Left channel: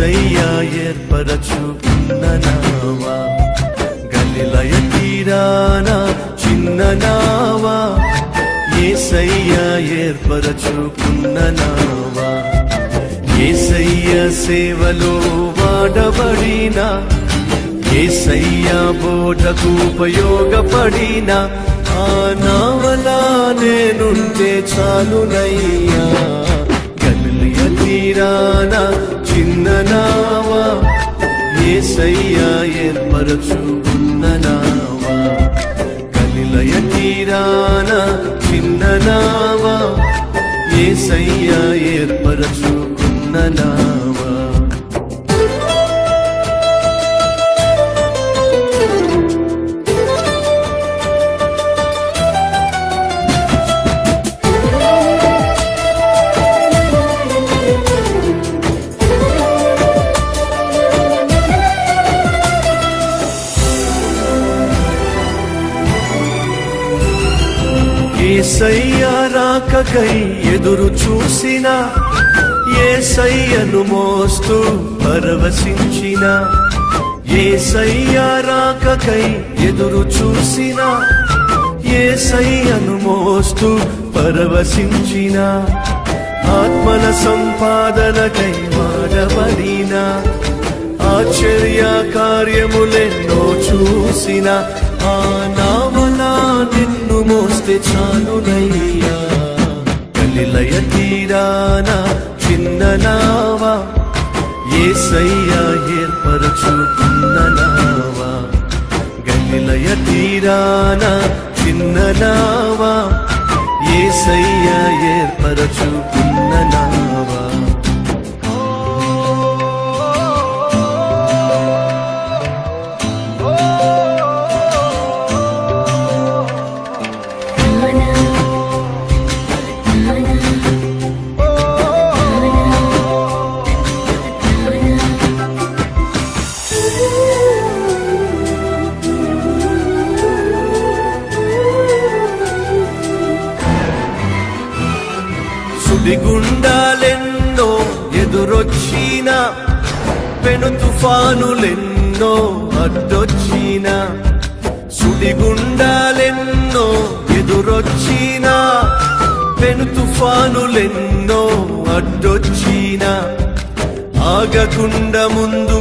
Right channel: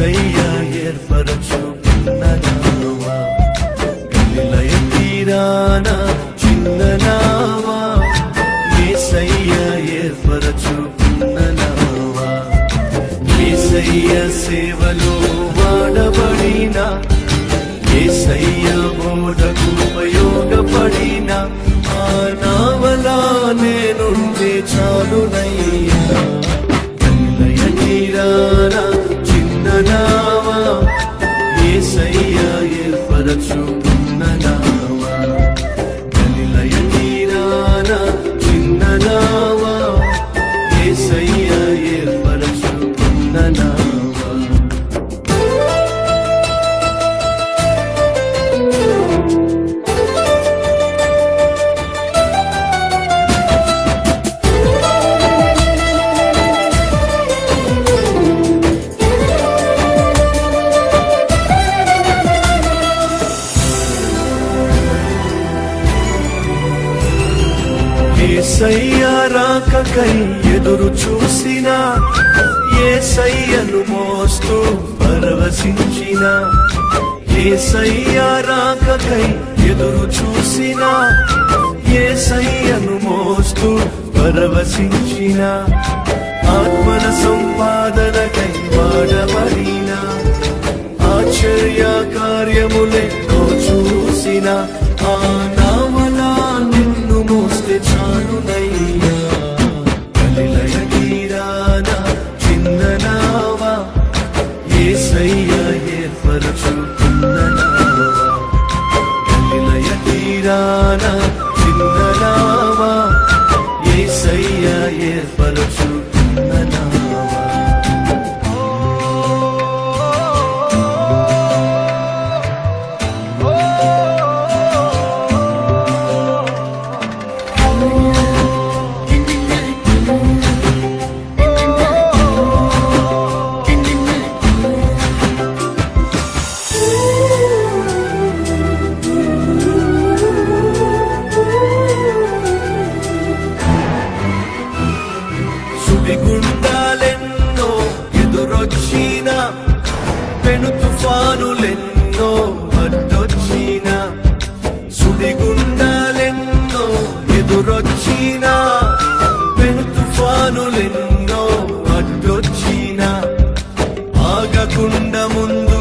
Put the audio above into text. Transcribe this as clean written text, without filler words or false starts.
యేసయ్యా ఏర్పరచుకున్న నావా, గలిలయ తీరాన చిన్న నావా, యేసయ్యా ఏర్పరచుకున్న నావా, యేసయ్య సేవలో వాడబడిన, యేసయ్యా బోధకు ఉపయోగపడిన ఆ నావలా నేనుంటే చాలునయ్యా. గలిలయ తీరాన చిన్న నావా, యేసయ్యా ఏర్పరచుకున్న నావా, గలిలయ తీరాన చిన్న నావా, యేసయ్యా ఏర్పరచుకున్న నావా. యేసయ్యా రాకకై ఎదురు చూసిన, యేసయ్యను మోస్తూ పరవశించిన, యేసయ్యా రాకకై ఎదురు చూసిన, యేసయ్యను మోస్తూ పరవశించిన, ఆత్మల సంపాదనకై వాడబడిన, ఆశ్చర్య కార్యములెన్నో చూసిన ఆ నావలా నిన్ను మోస్తే చాలునయ్యా. గలిలయ తీరాన చిన్న నావా, యేసయ్యా ఏర్పరచుకున్న నావా, గలిలయ తీరాన చిన్న నావా, యేసయ్యా ఏర్పరచుకున్న నావా. సుడిగుండాలెన్నో ఎదురొచ్చిన, పెను తుఫానులెన్నో అడ్డొచ్చిన, సుడిగుండాలెన్నో ఎదురొచ్చిన, పెను తుఫానులెన్నో అడ్డొచ్చిన, ఆగకుండా ముందు